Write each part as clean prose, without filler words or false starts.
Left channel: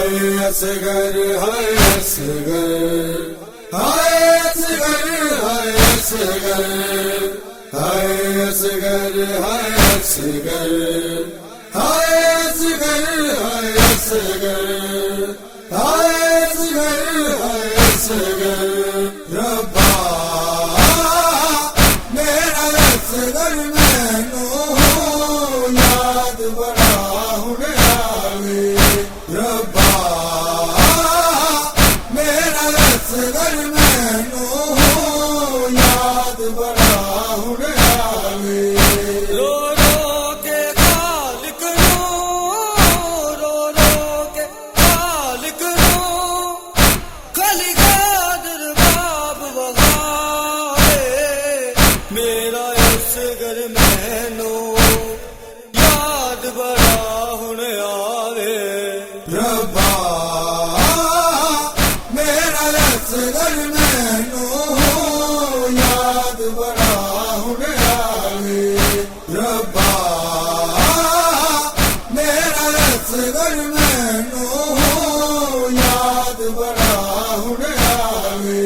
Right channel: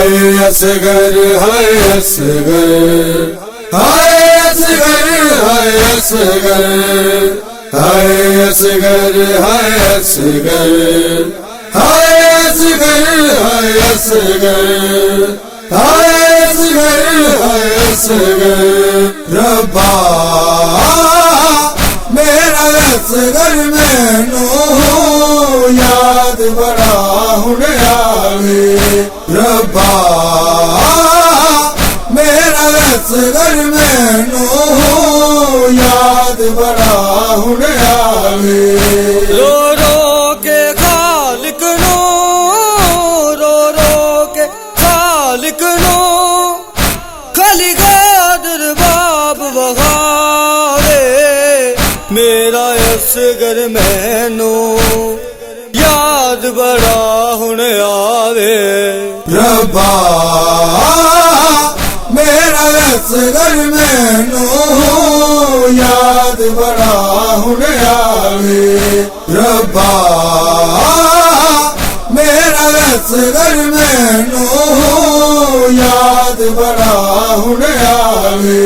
असगर हाय असगर हाय असगर हाय असगर हाय असगर हाय असगर हाय असगर हाय असगर हाय असगर हाय असगर रब्बा मेरा असगर मैनू याद बड़ा हुणे आवे रब्बा मेरा असगर मैनू याद बड़ा हुणे आवे रो रो के खालिक नो रो रो के खालिक नो खाली गादर बाब बहारे मेरा असगर मैनू याद बड़ा हुणे आवे रब्बा मेरा असगर मैनू याद बड़ा हुणे आवे रब्बा मेरा असगर मैनू याद बड़ा हुणे आवे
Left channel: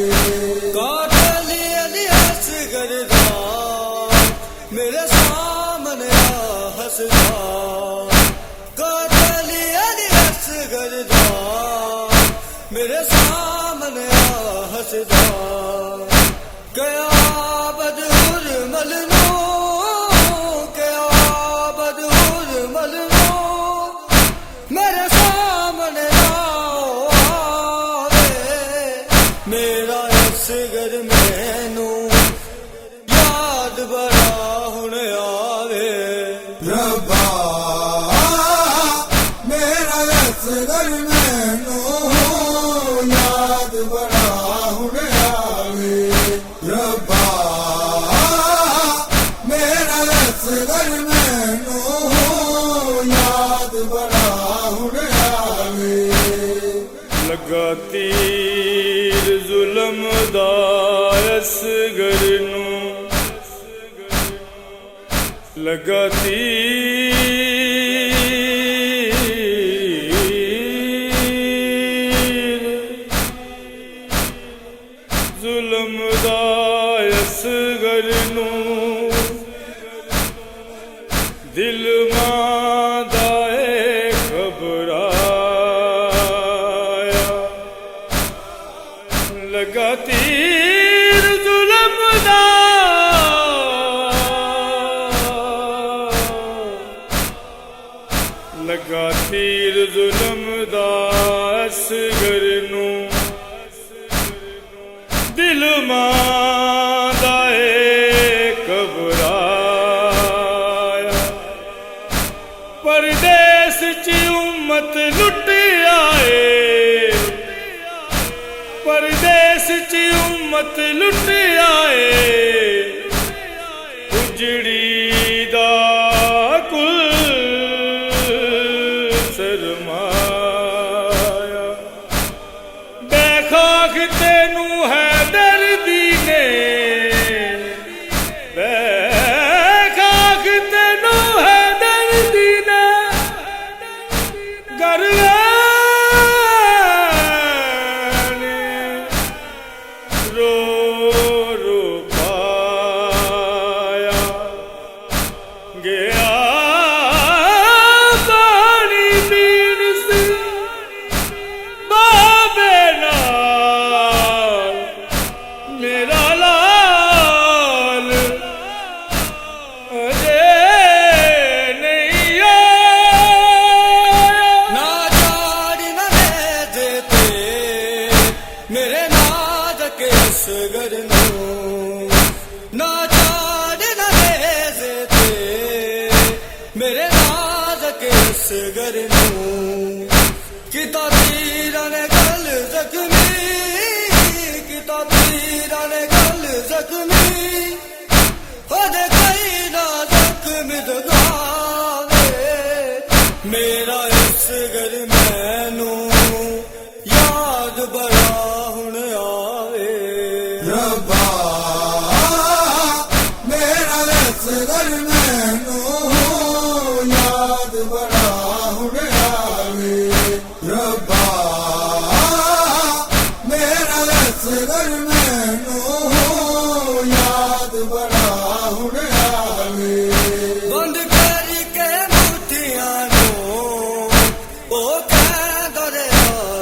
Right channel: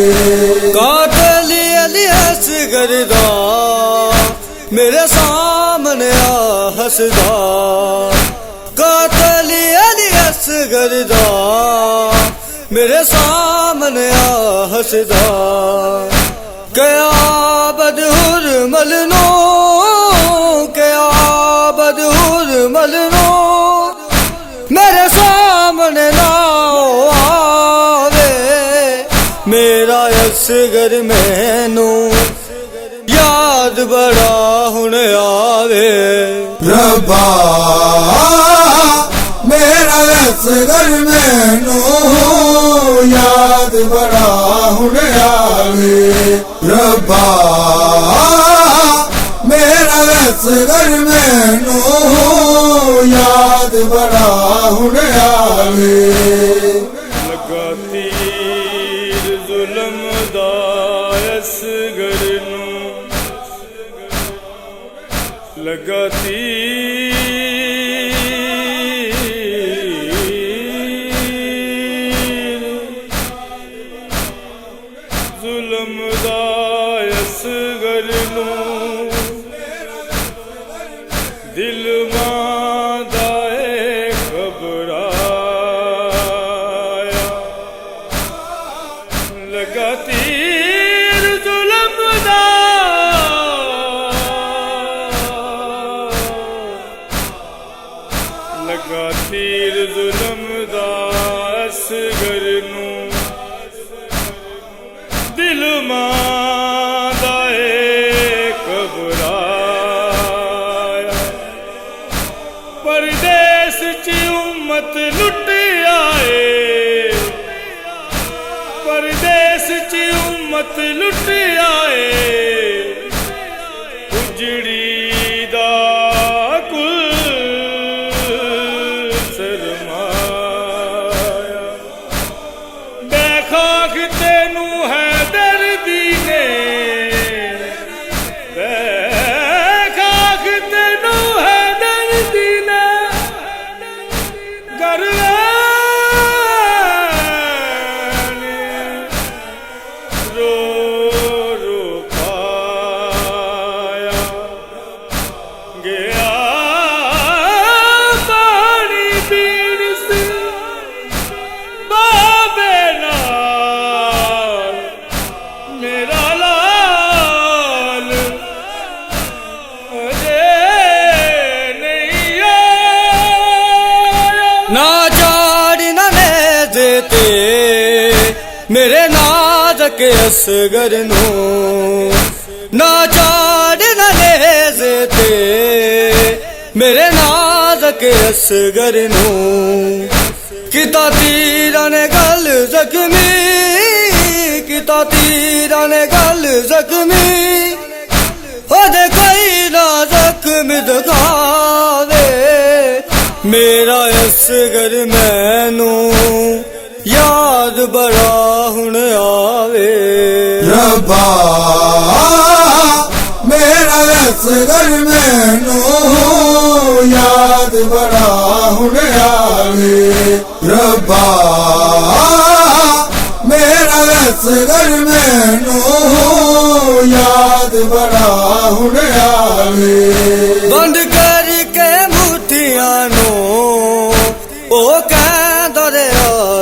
कातली अली असगर दा मेरे सामने आ हसदा कातली अली असगर दा मेरे सामने आ हसदा क्या बदहुर मलनो क्या बदहुर मलनो मेरे सामने आओ आवे मेरा असगर मैनू याद बड़ा हुणे आवे रब्बा मेरा असगर मैनू याद बड़ा हुणे आवे रब्बा मेरा असगर मैनू याद बड़ा हुणे आवे लगा तीर जुल्म दा असगर नू लगा तीर जुल्म दा असगर नू दिल मां दा घबराया लगा तीर जुल्म दा लगा तीर जुल्म दा असगर नू दिल मां दा घबराया परदेस च उम्मत लुट आए परदेस च उम्मत लुट आए उजड़ी दा कुल सरमाया बेखाख तेनू है दर्दी ने बेखाख तेनू है दर्दी ने रो रो पाया गया पानी पीण से बाबे नाल मेरा लाल अजे नहीं आया ना जाड़ी ना ले देते मेरे नाज़क असगर नो ना जाड़ी ना ले देते मेरे नाज़क असगर नो किता तीरा ने गल जख्मी किता तीरा ने गल जख्मी हो दे कई ना जख्म दिखावे मेरा असगर मैनू याद बड़ा हुणे आवे रब्बा मेरा असगर मैनू याद बड़ा हुणे आवे रब्बा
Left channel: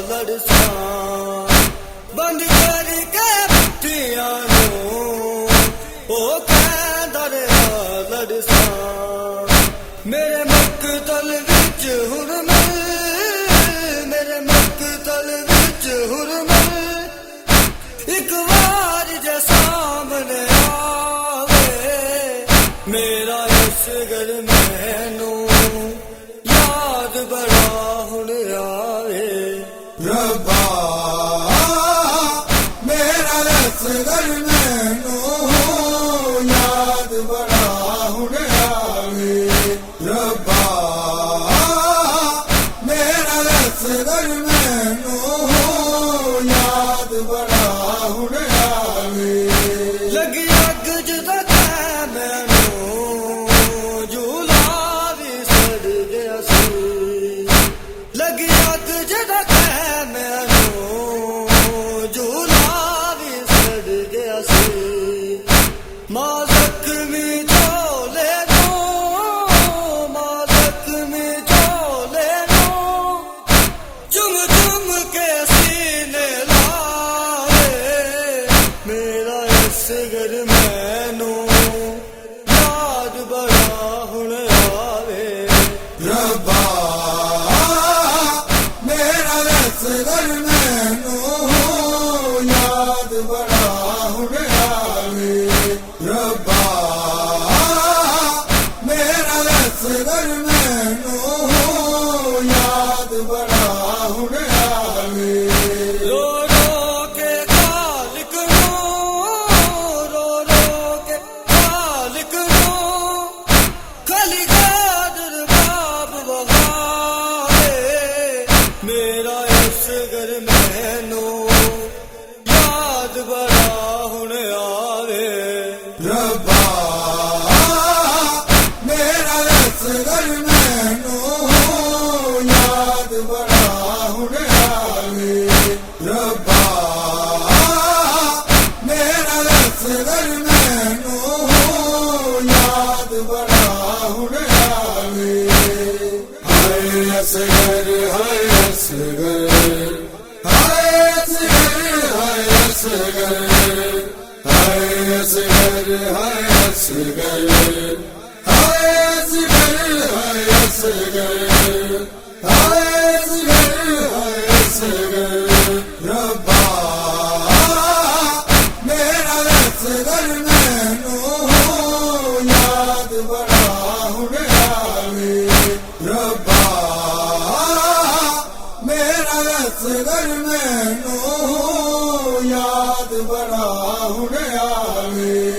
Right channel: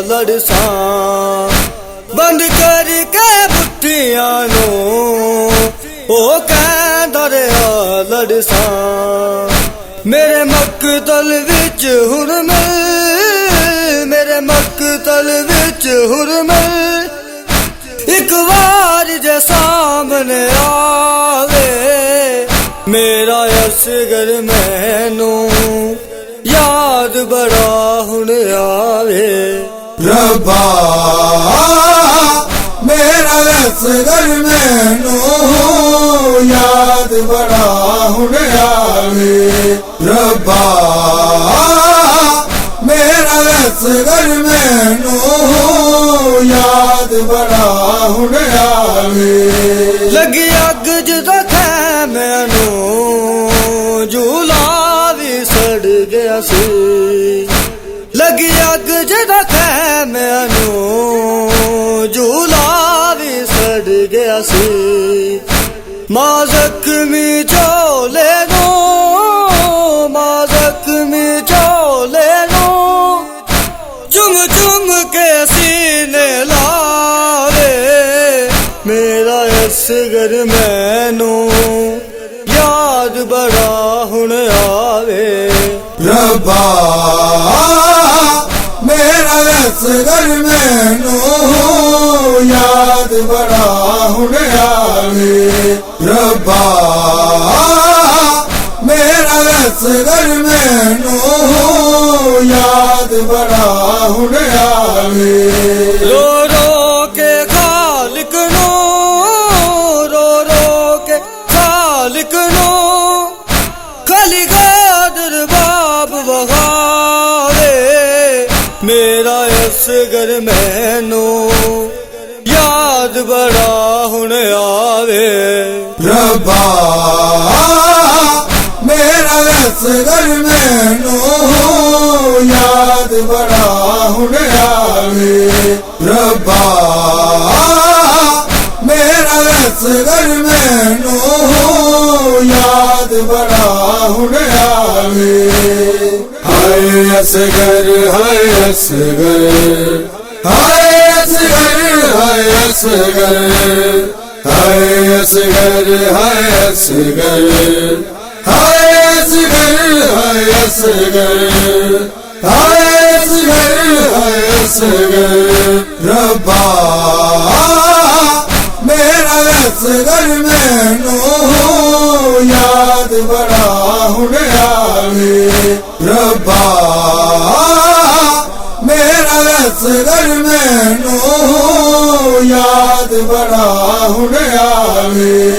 लड़सा बंद करके बुट्टियां ओ कहंदा रहा लड़सा मेरे मकतल विच हुरमल मेरे मकतल विच हुरमल एक बार जे सामने आवे मेरा असगर मैनू याद बड़ा हुण आवे रब्बा मेरा असगर मैनू याद बड़ा हुण आवे रब्बा मेरा असगर मैनू याद बड़ा हुण आवे लगी अग जदा मैनू झूला भी सड़ गया सी लगी अग जदा मैनू झूला भी सड़ गया सी मां जख्मी झोले दो मां जख्मी झोले दो चुम चुम के सीने लावे मेरा असगर मैनू याद बड़ा हुण आवे रब्बा मेरा असगर मैनू याद बड़ा हुण आवे रब्बा मेरा असगर मैनू याद बड़ा हुण आवे रो रो के खालिक नो रो रो के खालिक नो खाली कादर बाब बहावे मेरा असगर मैनू याद बड़ा हुण आवे रब्बा मेरा असगर मैनू याद बड़ा हुण आवे रब्बा मेरा असगर मैनू याद बड़ा हुण आवे हाय असगर हाय असगर हाय असगर हाय असगर हाय असगर हाय असगर हाय असगर हाय असगर हाय असगर हाय असगर रब्बा मेरा असगर मैनू याद बड़ा हुण आवे रब्बा मेरा असगर मैनू याद बड़ा हुण आवे